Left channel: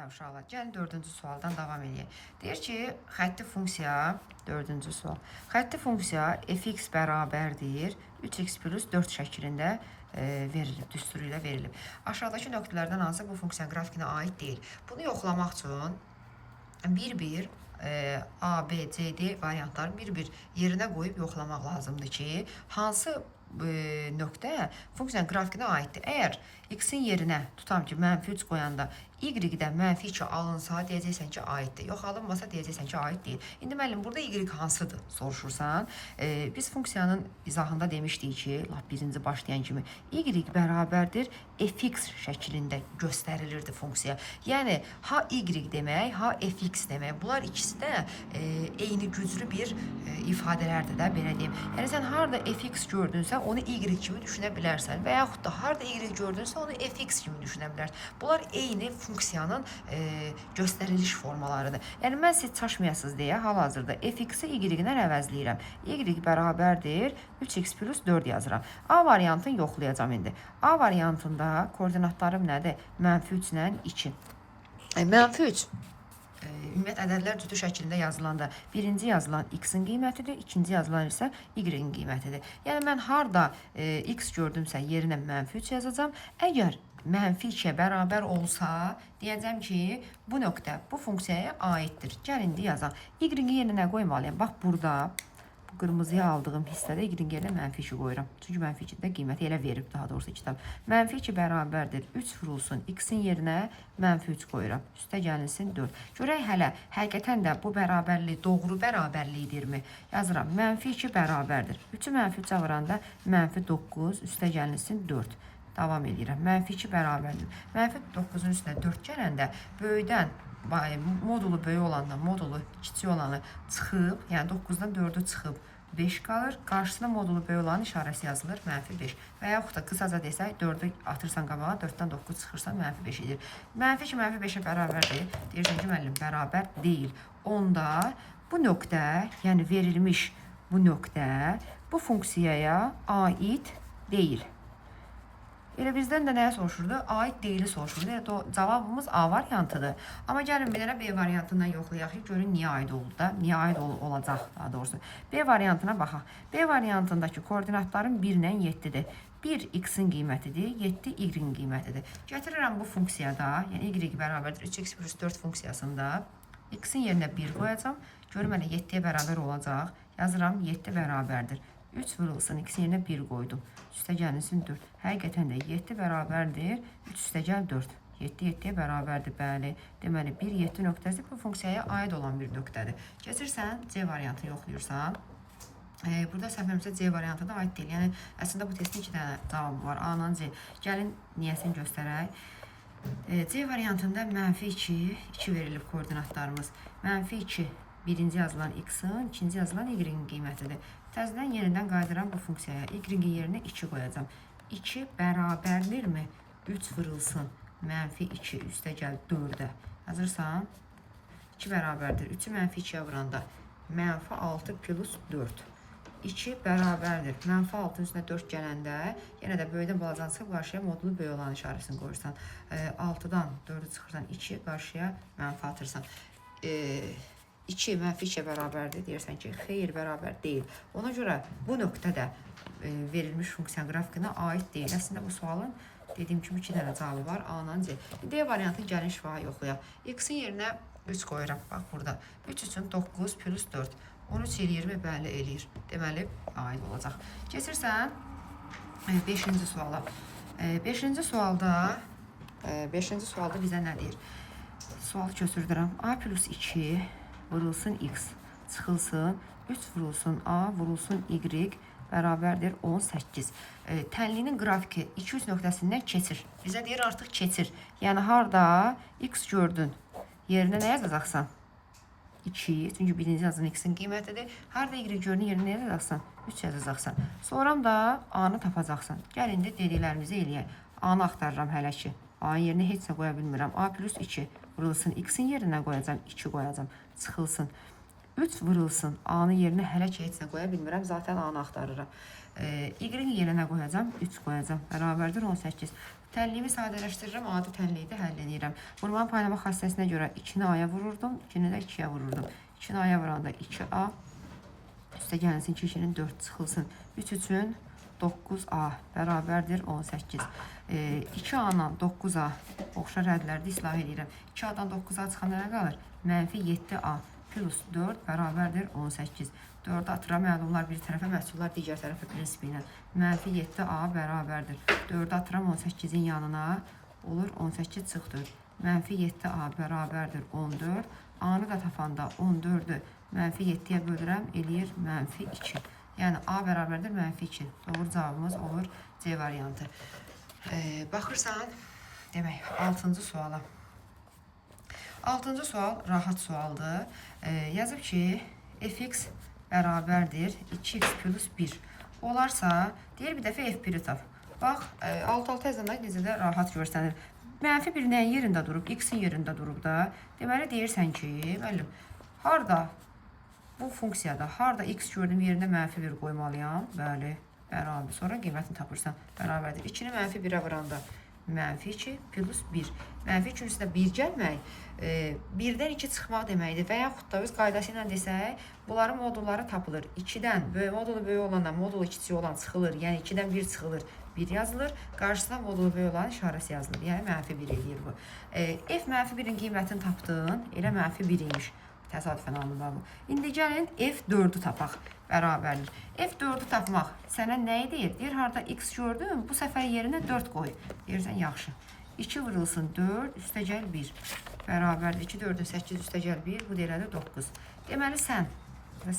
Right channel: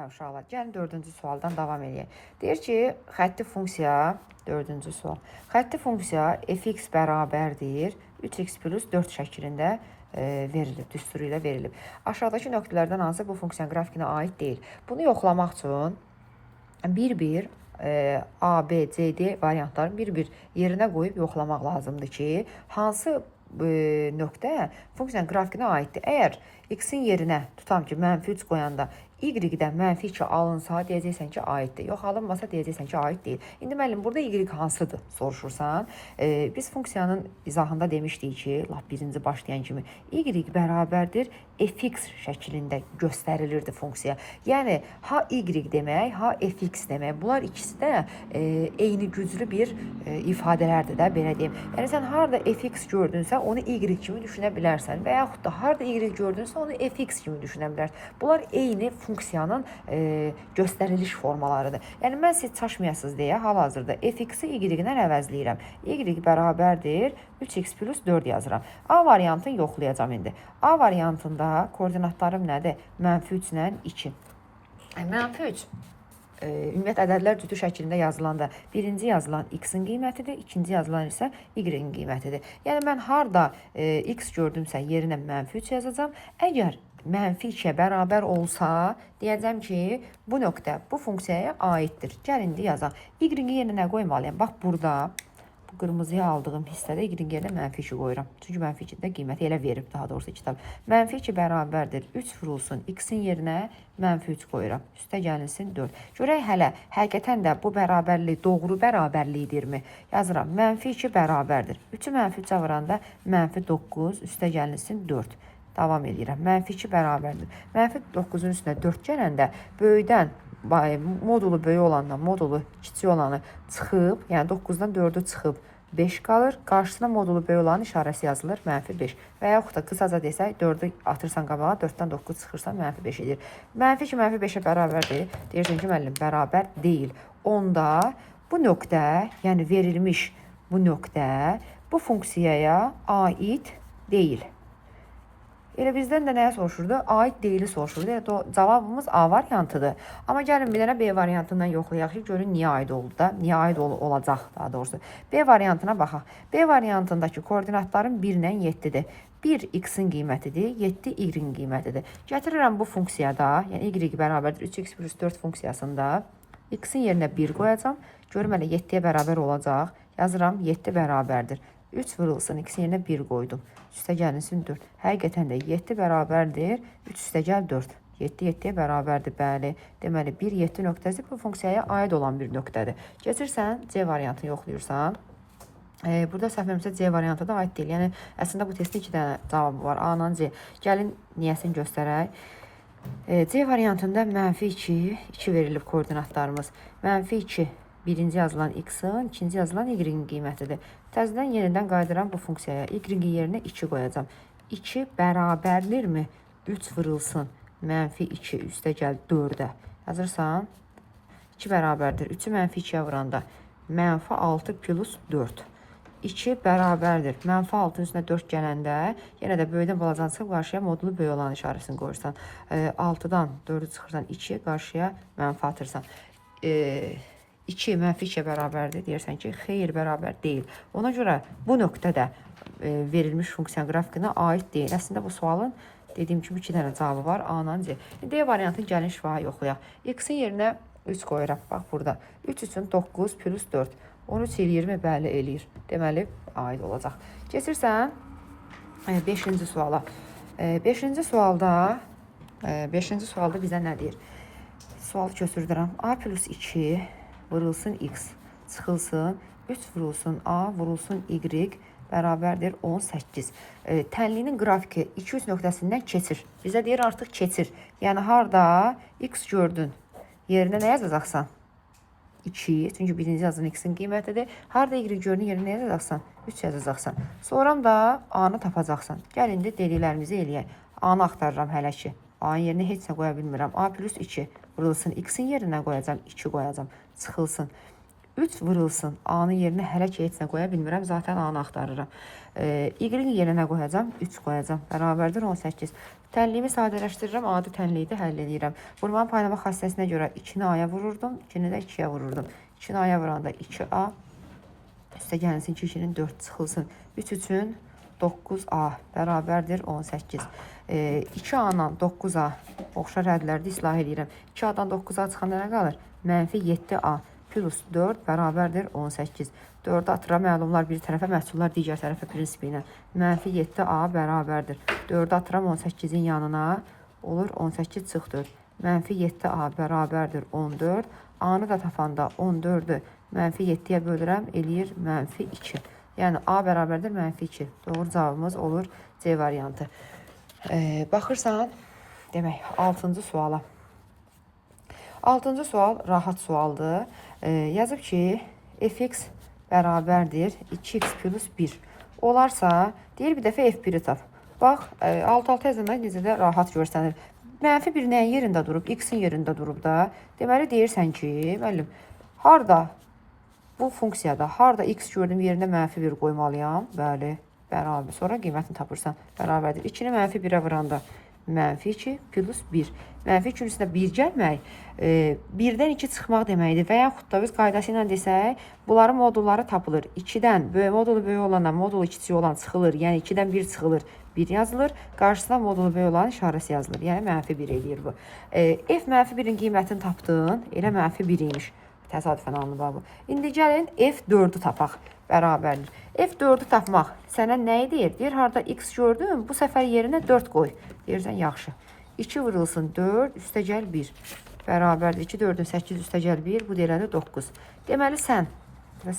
Hə, uşaqlar, gəlin 4-cü sualdan davam edək. Deyir ki, xətti funksiya, 4-cü sual. Xətti funksiya fx bərabərdir 3x plus 4 şəklində verilib, düsturu ilə verilib. Aşağıdakı nöqtələrdən hansı bu funksiyanın qrafikinə aid deyil? Bunu yoxlamaq üçün bir-bir A, B, C, D variantları bir-bir yerinə qoyub yoxlamaq lazımdır ki, hansı nöqtə funksiyanın qrafikinə aiddir. Əgər x-in yerinə tutam ki, -3 qoyanda y-dən -2 alınsa, deyəcəksən ki, aiddir. Yox, alınmasa deyəcəksən ki, aid deyil. İndi müəllim, burada y hansıdır soruşursan. Biz funksiyanın izahında demişdik ki, lap birinci başlayan kimi y bərabərdir fx şəklində göstərilirdi funksiya. Yəni, ha y demək, ha fx demək. Bunlar ikisi də eyni güclü bir ifadələrdir də, belə deyim. Yəni, sən harada fx gördünsə, onu y kimi düşünə bilərsən və yaxud da harada y gördünsə, onu fx kimi düşünə bilərsən. Bunlar eyni funksiyanın göstəriliş formalarıdır. Yəni, mən siz çaşmayasınız deyə hal-hazırda fx-i y-dən əvəzləyirəm. Y bərabərdir 3x plus 4 yazıram. A variantını yoxlayacağım indi. A variantında koordinatlarım nədir? -3 ilə 2. -3 ümumiyyət ədədlər cütü şəklində yazılanda birinci yazılan x-in qiymətidir, ikinci yazılan isə y-in qiymətidir. Yəni, mən harada x gördümsə yerinə -3 yazacağım. Əgər -2-yə bərabər olsa, deyəcəm ki, bu nöqtə bu funksiyaya aiddir. Gəl indi yazaq. Y-in yerinə nə qoymalıyam? Bax, burada bu qırmızıya aldığım hissədə y-in yerinə -2 qoyuram. Çünki -2-də qiyməti elə verib, daha doğrusu kitab. -2 bərabərdir 3 vurulsun x-in yerinə -3 qoyuram. Üstə gəlinsin 4. Görək hələ, həqiqətən də bu bərabərlik doğru bərabərlikdirmi? Yazıram. -2 bərabərdir. 3-ü -3-ə vuranda -9, üstə gəlinsin 4. Davam edirəm. -2 bərabərdir. -9-un üstünə 4 gələndə böyükdən modulu böyük olandan modulu kiçik olanı çıxıb, yəni 9-dan 4-ü çıxıb 5 qalır. Qarşısına modulu böyük olanın işarəsi yazılır, -5. Və yaxud da qısaca desək, 4-ü atırsan qabağa, 4-dən 9 çıxırsan, -5 edir. -2 -5-ə bərabərdir. Deyirsən ki, müəllim, bərabər deyil. Onda bu nöqtə, yəni verilmiş bu nöqtə bu funksiyaya aid deyil. Elə bizdən də nəyə soruşurdu? Aid deyili soruşurdu. Yəni, cavabımız A variantıdır. Amma gəlin bir dənə B variantından yoxlayaq ki, görün niyə aid oldu da, niyə aid olacaq daha doğrusu. B variantına baxaq. B variantındakı koordinatların 1 ilə 7-dir. 1 x-in qiymətidir, 7 y-in qiymətidir. Gətirirəm bu funksiyada, yəni y bərabərdir 3x plus 4 funksiyasında x-in yerinə 1 qoyacam. Görüm hələ 7-yə bərabər olacaq. Yazıram, 7 bərabərdir. 3 vurulsun, x-in yerinə 1 qoydum. Üstə gəlinsin 4. Həqiqətən də 7 bərabərdir, 3 üstə gəl 4. 7 7-yə bərabərdir, bəli. Deməli, 1, 7 nöqtəsi bu funksiyaya aid olan bir nöqtədir. Keçirsən, C variantını yoxlayırsan. Burada səhvləmirəmsə C variantı da aid deyil. Yəni, əslində bu testin 2 dənə cavabı var. A-nan C. Gəlin, niyəsini göstərək. C variantında -2, 2 verilib koordinatlarımız. -2, birinci yazılan x-in, ikinci yazılan y-in qiymətidir. Təzədən yenidən qayıdıram bu funksiyaya. Y-in yerinə 2 qoyacam. 2 bərabərdirmi? 3 vurulsun. -2 üstə gəl 4-ə. Yazırsan. 2 bərabərdir. 3-ü -2-yə vuranda. -6 plus 4. 2 bərabərdir. -6-ın üstünə 4 gələndə, yenə də böyükdən balacan çıxıb qarşıya modulu böyük olan işarəsini qoyursan. 6-dan 4-ü çıxırsan 2, qarşıya mənfi atırsan. 2 -2-yə bərabərdir. Deyirsən ki, xeyr, bərabər deyil. Ona görə bu nöqtə də verilmiş funksiyanın qrafikinə aid deyil. Əslində bu sualın dediyim kimi 2 dənə cavabı var. A-nan C. D variantını gəlin şifahi yoxlayaq. X-in yerinə 3 qoyuram. Bax, burada. 3 üçün 9 plus 4. 13 20 bəli eləyir. Deməli, aid olacaq. Keçirsən 5-ci suala. 5-ci sualda bizə nə deyir? Sualı köçürdürəm. A plus 2 vurulsun x, çıxılsın, 3 vurulsun a, vurulsun y, bərabərdir 18. Tənlinin qrafiki 2-3 nöqtəsindən keçir. Bizə deyir artıq keçir. Yəni, harada x gördün, yerinə nə yazacaqsan? 2, çünki birinci yazın x-in qiymətidir. Harada y gördün, yerinə nə yazacaqsan? 3 yazacaqsan. Sonra da a-nı tapacaqsan. Gəl, indi dediklərimizi eləyək. A-nı axtarıram hələ ki. A-nın yerinə heç nə qoya bilmirəm. A plus 2 vurulsun, x-in yerinə qoyacam, 2 qoyacam. Çıxılsın. 3 vurulsun. A-nın yerinə hələ ki heç nə qoya bilmirəm. Zaten A-nı axtarıram. Y-in yerinə qoyacam, 3 qoyacam. Bərabərdir 18. Tənliyimi sadələşdirirəm, adi tənliyi də həll edirəm. Vurmanın paynama xassəsinə görə 2-ni A-ya vururdum, 2-ni də 2-yə vururdum. 2-ni A-ya vuranda 2A, üstə gəlinsin ki, 2-nin 4 çıxılsın. 3 üçün 9A bərabərdir 18. 2A-dan 9A oxşar ədlərdə islah edirəm. 2A-dan 9A çıxan nə qalır? Mənfi 7A plus 4 bərabərdir 18. 4-ü atıram, məlumlar bir tərəfə, məhsullar digər tərəfə prinsipi ilə. Mənfi 7A bərabərdir. 4-ü atıram 18-in yanına, olur 18 çıx 4. Mənfi 7A bərabərdir 14. A-nı da tapanda 14-ü mənfi 7-yə bölürəm, eləyir mənfi 2. Yəni A bərabərdir mənfi 2. Doğru cavabımız olur C variantı. Baxırsan, demək, 6-cı suala. 6-cı sual rahat sualdır. Yazıb ki, fx bərabərdir 2x plus 1. Olarsa, deyir bir dəfə f1-i tap. Bax, 6-6 yazılmaq necə də rahat görsənir. Mənfi 1 nəyin yerində durub? X-in yerində durub da. Deməli, deyirsən ki, müəllim, harda bu funksiyada, harda x gördüm yerində mənfi 1 qoymalıyam? Bəli, bərabər. Sonra qiymətini tapırsan. Bərabərdir. 2-ni mənfi 1-ə vuranda mənfi 2 plus 1. Mənfi 2-nin üstünə 1 gəlmək 1-dən 2 çıxmaq deməkdir. Və yaxud da biz qaydası ilə desək, bunların modulları tapılır. 2-dən modulu böyük olanda modulu kiçik olan çıxılır. Yəni 2-dən 1 çıxılır, 1 yazılır. Qarşısına modulu böyük olan işarəsi yazılır. Yəni mənfi 1 eləyir bu. F mənfi 1-in qiymətini tapdın. Elə mənfi 1 imiş. Təsadüfən alınır bu. İndi gəlin F4-ü tapaq. Bərabərlik. F4-ü tapmaq sənə nə edir? Deyir, harda x gördün, bu səfər yerinə 4 qoy. Deyirsən, yaxşı. 2 vurulsun 4, üstə gəl 1. Bərabərdir. 2, 4-ün 8, üstə gəl 1, bu deyirədir 9. Deməli, sən,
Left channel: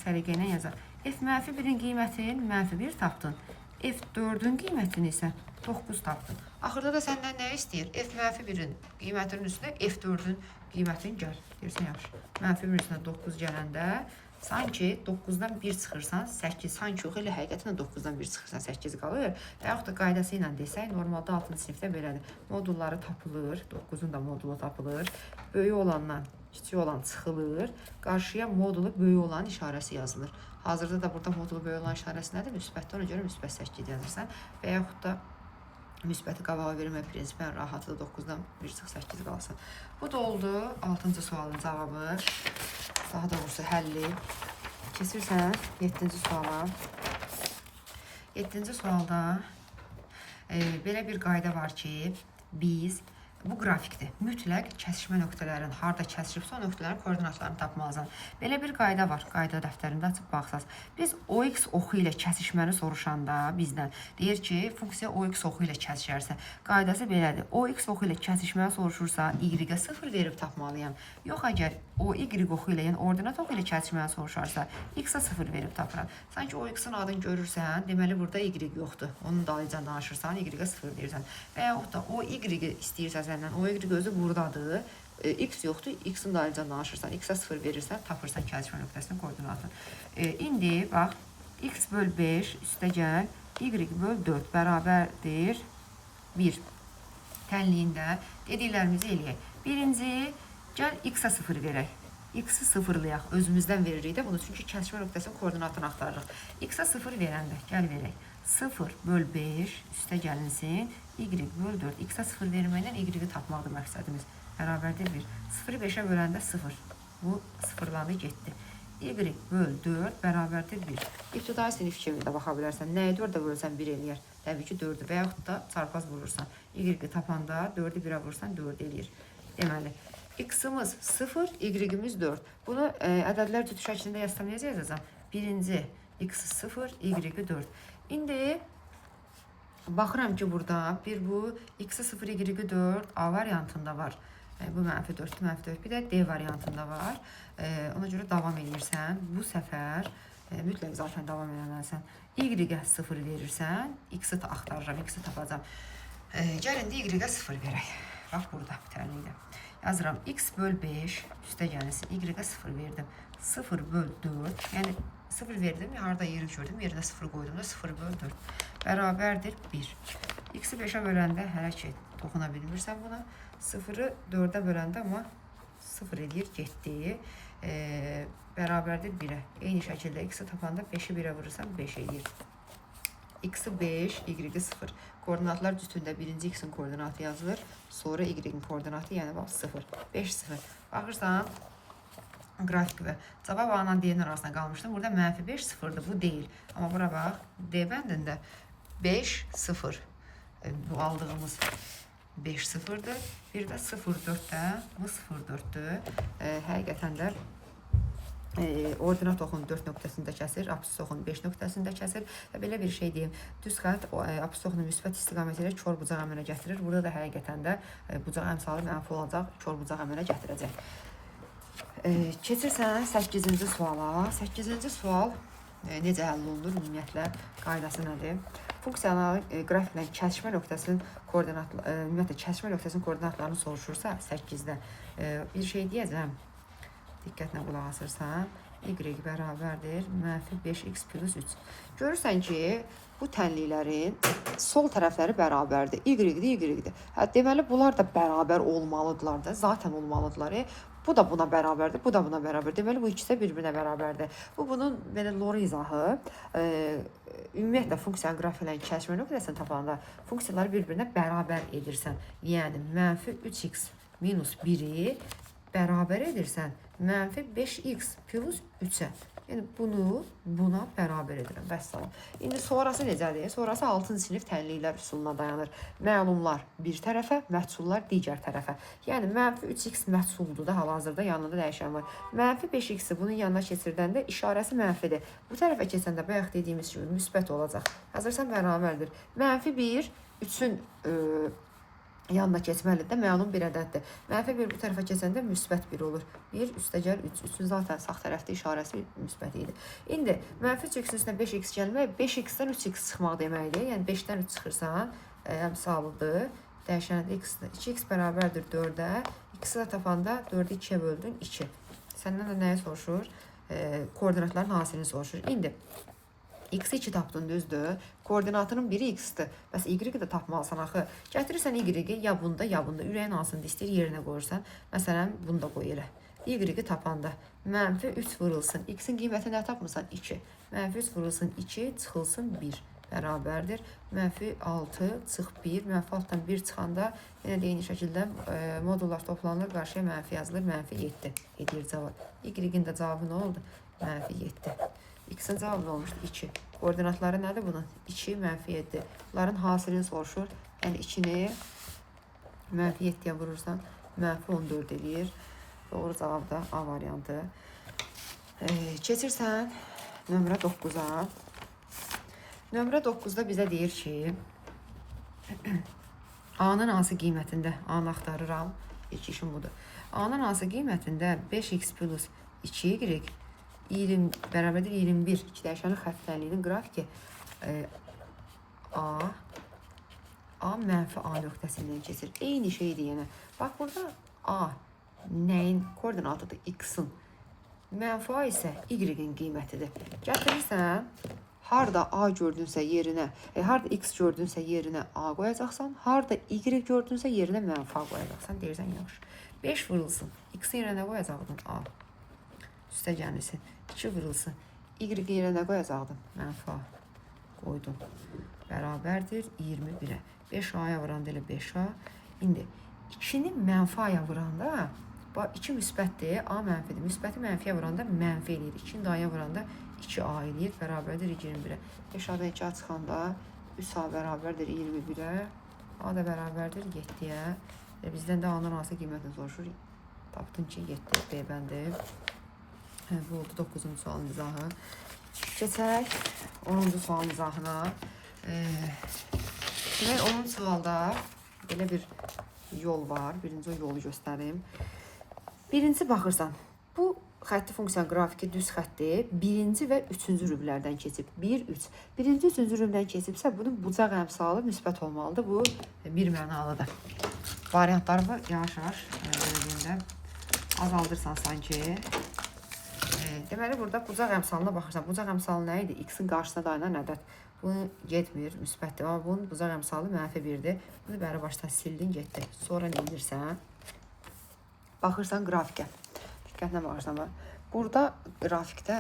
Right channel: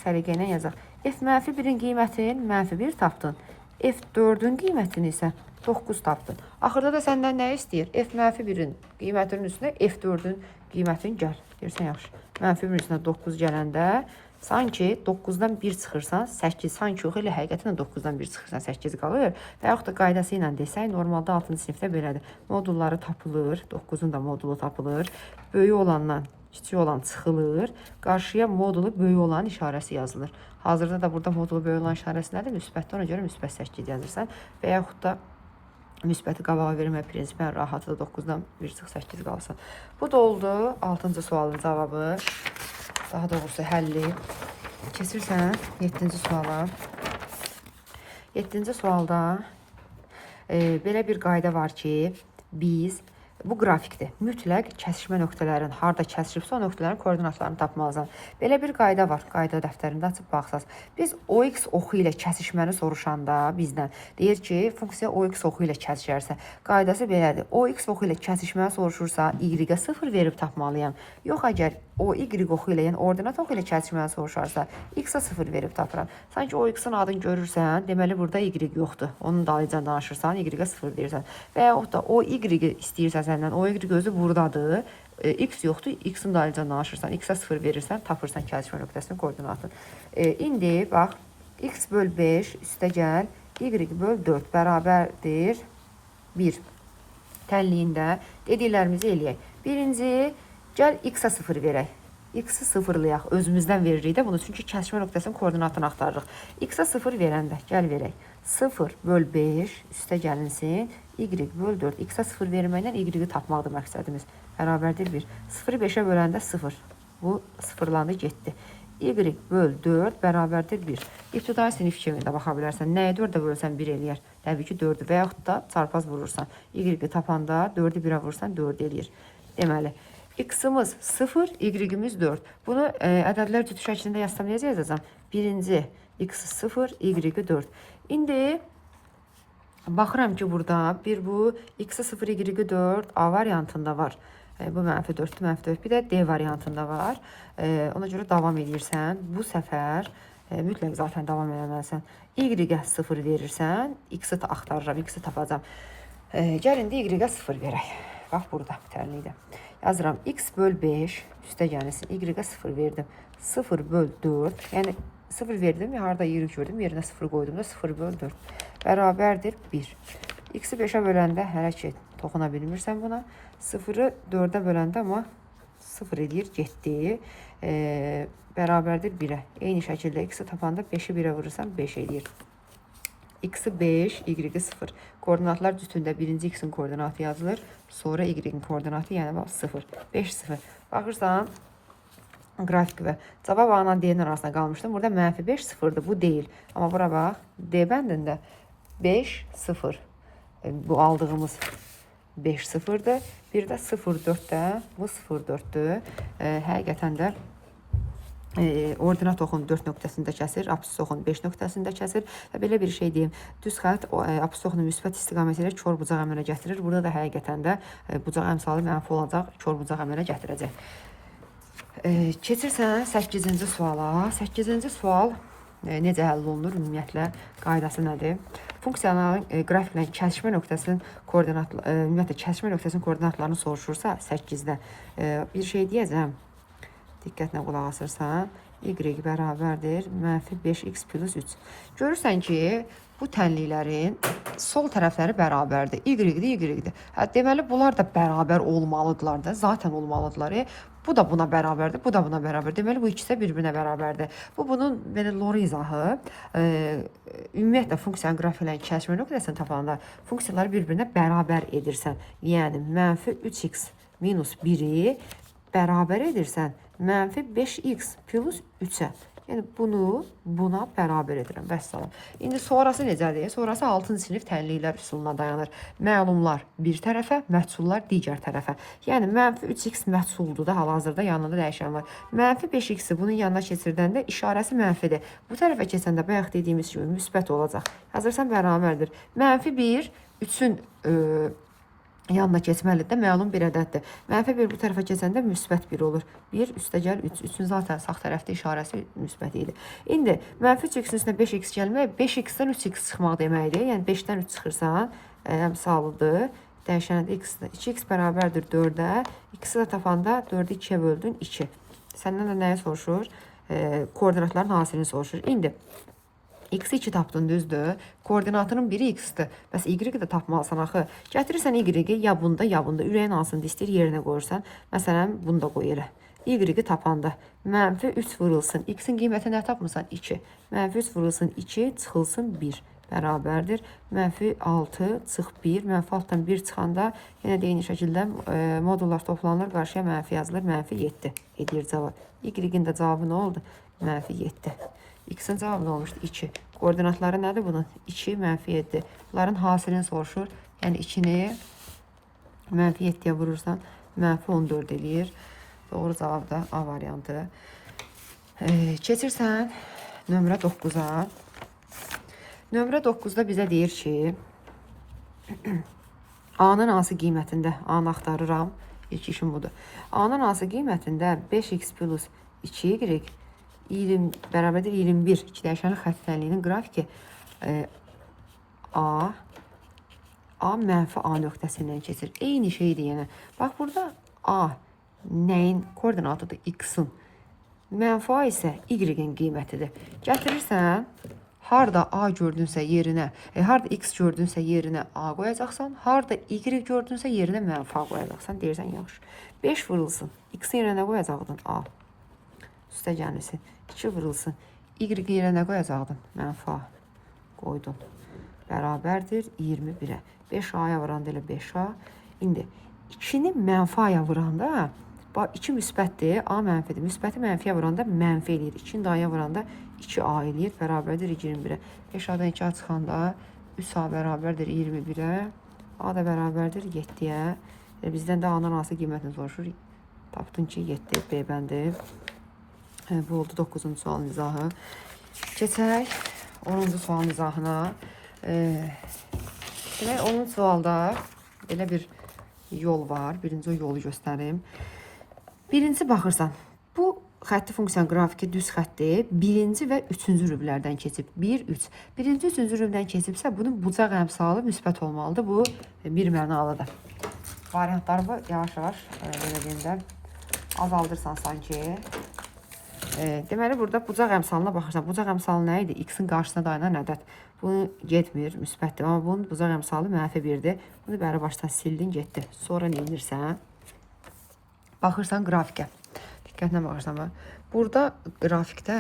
səliqə ilə yazaq. F mənfi 1-in qiymətini mənfi 1 tapdın. F4-ün qiymətini isə 9 tapdın. Axırda da səndən nə istəyir? F mənfi 1-in qiymətinin üstünə F4-ün qiymətini gəl. Deyirsən, yaxşı. Mənfi 1-in üstünə 9 gələndə, sanki 9-dan 1 çıxırsan, 8, sanki yox, elə həqiqətən 9-dan 1 çıxırsan, 8 qalır. Və yaxud da qaydası ilə desək, normalda 6-cı sinifdə belədir. Modulları tapılır, 9-un da modulu tapılır. Böyük olandan kiçik olan çıxılır. Qarşıya modulu böyük olan işarəsi yazılır. Hazırda da burada modulu böyük olan işarəsi nədir? Müsbətdə, ona görə müsbət 8 yazırsan. Və yaxud da müsbəti qabağa vermə prinsipən rahatlı 9-dan 1 çıx 8 qalsın. Bu da oldu 6-cı sualın cavabı. Daha doğrusu həlli. Keçirsən 7-ci suala. 7-ci sualda belə bir qayda var ki, biz bu qrafikdir. Mütləq kəsişmə nöqtələrin harda kəsişibsə o nöqtələrin koordinatlarını tapmalısan. Belə bir qayda var. Qayda dəftərində açıb baxsaz. Biz OX oxu ilə kəsişməni soruşanda bizdən deyir ki, funksiya OX oxu ilə kəsişərsə, qaydası belədir. OX oxu ilə kəsişməni soruşursa, Y-ə 0 verib tapmalıyam. Yox, əgər o Y oxu ilə, yəni ordinat oxu ilə kəsişməni soruşarsa, X-a 0 verib tapıram. Sanki OX-ın adını görürsən, deməli burada Y yoxdur. Onun dalıyca danışırsan, Y-ə 0 verirsən. Və yaxud da o Y istəyirsən səndən, o Y gözü buradadır. X yoxdur, X-in dalıyca danışırsan, X-a 0 verirsən, tapırsan kəsişmə nöqtəsinin koordinatını. İndi, bax, X böl 5 üstə gəl, Y böl 4 bərabərdir 1. Tənliyində dediklərimizi eləyək. Birinci, gəl X-a 0 verək. X-i sıfırlayaq, özümüzdən veririk də bunu, çünki kəsişmə nöqtəsinin koordinatını axtarırıq. X-a 0 verəndə, gəl verək. 0 böl 5 üstə gəlinsin, Y böl 4. X-a 0 verməklə Y-i tapmaqdır məqsədimiz. Bərabərdir 1. 0-ı 5-ə böləndə 0. Bu sıfırlandı, getdi. Y böl 4 bərabərdir 1. İbtidai sinif kimi də baxa bilərsən. Nəyə 4-ə vurursan 1 eləyər? Təbii ki 4-ü və yaxud da çarpaz vurursan. Y-i tapanda 4-ü 1-ə vurursan 4 eləyir. Deməli, X-ımız 0, Y-imiz 4. Bunu ədədlər cütü şəklində yazsam necə yazacam? Birinci X 0, Y 4. İndi baxıram ki, burada bir bu X 0, Y 4 A variantında var. Bu mənfi 4, mənfi 4. Bir də D variantında var. Ona görə davam edirsən. Bu səfər mütləq zaten davam eləməlisən. Y-ə 0 verirsən, X-i axtarıram, X-i tapacam. Gəlin də Y-ə 0 verək. Bax, burada bitərlikdə. Yazıram, X böl 5 üstə gəlsin, Y-ə 0 verdim. 0 böl 4, yəni 0 verdim, harada Y gördüm, yerinə 0 qoydum da 0 böl 4. Bərabərdir 1. X-i 5-ə böləndə hələ ki, toxuna bilmirsən buna. 0-ı 4-ə böləndə amma 0 edir, getdi. Bərabərdir 1-ə. Eyni şəkildə X-i tapanda 5-i 1-ə vurursan 5 edir. x-i 5, y-i 0. Koordinatlar cütündə birinci x-in koordinatı yazılır, sonra y-in koordinatı, yəni bax 0, 5, 0. Baxırsan, qrafik və cavab A-la D-nin arasında qalmışdım. Burada mənfi 5, 0-dır, bu deyil. Amma bura bax, D bəndində 5, 0. Bu aldığımız 5, 0-dır. Bir də 0,4-də, bu 0,4-dür. Həqiqətən də ordinat oxun 4 nöqtəsində kəsir, apsis oxun 5 nöqtəsində kəsir və belə bir şey deyim. Düz xətt apsis oxunu müsbət istiqaməti ilə kör bucaq əmələ gətirir. Burada da həqiqətən də bucaq əmsalı mənfi olacaq, kör bucaq əmələ gətirəcək. Keçirsən 8-ci suala. 8-ci sual necə həll olunur? Ümumiyyətlə qaydası nədir? Funksiyanın qrafiklə kəsişmə nöqtəsinin koordinatlarını soruşursa 8-də bir şey deyəcəm. Diqqətlə qulaq asırsan, y bərabərdir mənfi 5x plus 3. Görürsən ki, bu tənliklərin sol tərəfləri bərabərdir. Y-dir. Deməli, bunlar da bərabər olmalıdırlar da, zaten olmalıdırlar. Bu da buna bərabərdir, bu da buna bərabər. Deməli, bu ikisi də bir-birinə bərabərdir. Bu, bunun belə lor izahı. Ümumiyyətlə, funksiyanın qrafiklə kəsişmə nöqtəsini tapanda funksiyaları bir-birinə bərabər edirsən. Yəni, mənfi 3x minus 1-i bərabər edirsən mənfi 5x plus 3-ə. Yəni, bunu buna bərabər edirəm. Vəssalam. İndi sonrası necədir? Sonrası 6-cı sinif tənliklər üsuluna dayanır. Məlumlar bir tərəfə, məhsullar digər tərəfə. Yəni, mənfi 3x məhsuldur da, hal-hazırda yanında dəyişən var. Mənfi 5x-i bunun yanına keçirdəndə işarəsi mənfidir. Bu tərəfə keçəndə bayaq dediyimiz kimi müsbət olacaq. Hazırsan bərabərdir. Mənfi 1, 3-ün yanına keçməlidir də, məlum bir ədəddir. Mənfi 1 bu tərəfə keçəndə müsbət 1 olur. 1 üstəgəl 3. 3-ün zaten sağ tərəfdə işarəsi müsbət idi. İndi mənfi 3x-in üstünə 5x gəlmək, 5x-dən 3x çıxmaq deməkdir. Yəni 5-dən 3 çıxırsan, əmsalıdır. Dəyişənədə x-dir. 2x bərabərdir 4-ə. X-i də tapanda 4-ü 2-yə böldün 2. Səndən də nəyi soruşur? Koordinatların hasilini soruşur. İndi x-i 2 tapdın, düzdür. Koordinatının biri x-dir. Bəs y-i də tapmalısan axı. Gətirirsən y-i ya bunda, ya bunda. Ürəyin hansını istəyir yerinə qoyursan. Məsələn, bunu da qoy elə. Y-i tapanda mənfi 3 vurulsun. X-in qiyməti nə tapmısan? 2. Mənfi 3 vurulsun 2, çıxılsın 1. Bərabərdir. Mənfi 6 çıx 1. Mənfi 6-dan 1 çıxanda yenə deyini şəkildə modullar toplanır. Qarşıya mənfi yazılır. Mənfi 7 edir cavab. Y-in də cavabı nə oldu? Mənfi 7. X-in cavabı nə olmuşdu? 2. Koordinatları nədir bunun? 2, mənfi 7. Bunların hasilini soruşur. Yəni 2-ni mənfi 7-yə vurursan, mənfi 14 eləyir. Doğru cavab da A variantı. Keçirsən nömrə 9-a. Nömrə 9-da bizə deyir ki, A-nın hansı qiymətində? A-nı axtarıram. İlk işim budur. A-nın hansı qiymətində 5x plus 2y 20 bərabərdir 21. İki dəyişənli xəttəliyinin qrafiki A mənfi A nöqtəsindən keçir. Eyni şeydir yəni. Bax, burada A nəyin koordinatıdır? X-in. Mənfi A isə Y-in qiymətidir. Gətirirsən, harda A gördünsə yerinə, harda X gördünsə yerinə A qoyacaqsan, harda Y gördünsə yerinə mənfi A qoyacaqsan. Deyirsən, yaxşı. 5 vurulsun. X-in yerinə qoyacaqdın A. Üstə gəlməsin. 2 vurulsun. Y yerinə qoyacaqdım. Mənfi A qoydum. Bərabərdir 21-ə. 5A-ya vuranda elə 5A. İndi 2-ni mənfi A-ya vuranda 2 müsbətdir, A mənfidir. Müsbəti mənfiyə vuranda mənfi eləyir. 2-ni A-ya vuranda 2A eləyir. Bərabərdir 21-ə. 5A-dan 2A çıxanda 3A bərabərdir 21-ə. A da bərabərdir 7-yə. Bizdən də A-nın hansı qiymətini soruşur. Tapdın ki 7 B bəndi. Bu oldu 9-cu sualın izahı. Keçək 10-cu sualın izahına. Demək, 10-cu sualda belə bir yol var. Birinci yolu göstərim. Birinci baxırsan, bu xətti funksiyanın qrafiki düz xətdir. Birinci və üçüncü rüblərdən keçib. 1, 3. Birinci, üçüncü rübdən keçibsə, bunun bucaq əmsalı müsbət olmalıdır. Bu bir mənalıdır. Variantlarımı yavaş-yavaş azaldırsan sanki. Deməli, burada bucaq əmsalına baxırsan. Bucaq əmsalı nə idi? X-in qarşısına dayanan ədəd. Bu getmir, müsbətdir. Amma bunun bucaq əmsalı mənfi 1-dir. Bunu bəri başdan sildin, getdi. Sonra nə edirsən? Baxırsan qrafikə. Diqqətlə baxırsan. Burada qrafikdə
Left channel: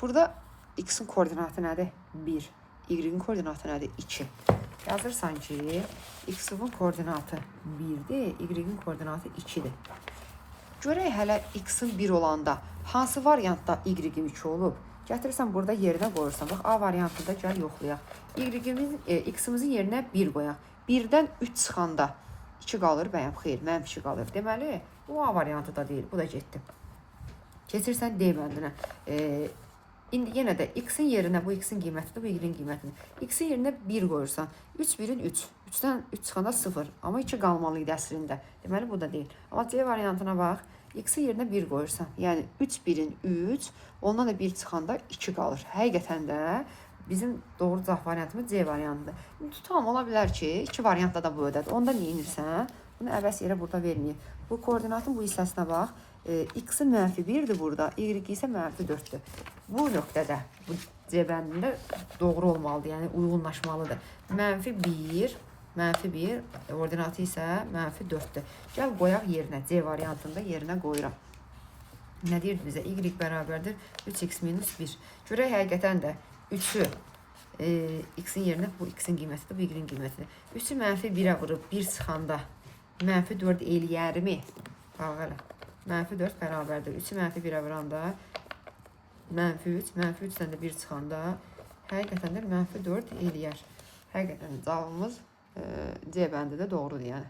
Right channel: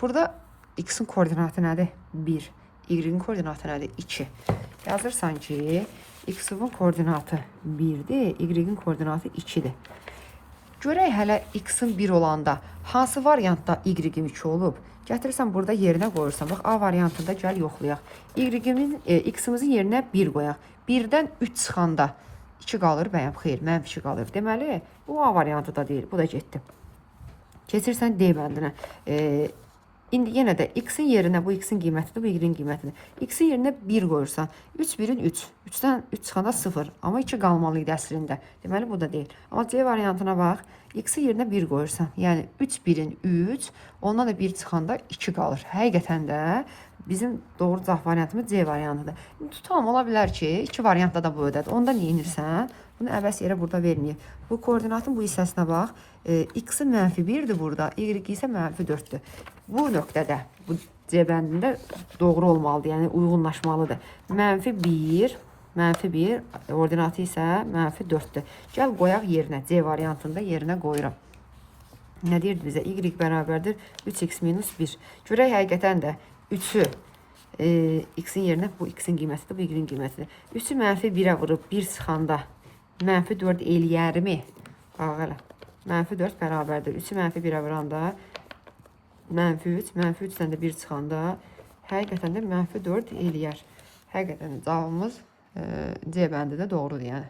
burada X-in koordinatı nədir? 1. Y-in koordinatı nədir? 2. Yazırsan ki, X-in koordinatı 1-dir, Y-in koordinatı 2-dir. Görək hələ X-in 1 olanda hansı variantda Y-in 2 olub? Gətirirsən burada yerinə qoyursan. Bax, A variantında gəl yoxlayaq. X-imizin yerinə 1 qoyaq. 1-dən 3 çıxanda 2 qalır, bəyəm, xeyr, mənfi 2 qalır. Deməli, bu A variantı da deyil, bu da getdi. Keçirsən D bəndinə. İndi yenə də X-in yerinə, bu X-in qiymətidir, bu Y-in qiymətidir. X-in yerinə 1 qoyursan, 3 1-in 3. 3-dən 3 çıxanda 0. Amma 2 qalmalı idi əslində. Deməli, bu da deyil. Amma C variantına bax. X-in yerinə 1 qoyursan, yəni 3 1-in 3, ondan da 1 çıxanda 2 qalır. Həqiqətən də bizim doğru cavab variantımız C variantıdır. Tutalım, ola bilər ki, 2 variantda da bu ödədir. Onda nə edirsən? Bunu əvəz yerə burada verməyib. Bu koordinatın bu hissəsinə bax. X-i -1-dir burada, Y isə -4-dür. Bu nöqtədə, bu C bəndində doğru olmalıdır, yəni uyğunlaşmalıdır. -1, -1, koordinatı isə -4-dür. Gəl qoyaq yerinə, C variantında yerinə qoyuram. Nə deyirdi bizə? Y bərabərdir 3x - 1. Görək həqiqətən də 3-ü X-in yerinə, bu X-in qiymətidir, bu Y-in qiymətidir. 3-ü -1-ə vurub 1 çıxanda -4 eləyərmi? Bax elə. -4 bərabərdir. 3-ü -1-ə vuranda -3, -3-dən də 1 çıxanda həqiqətən də -4 eləyər. Həqiqətən cavabımız C bəndi də doğrudur yəni.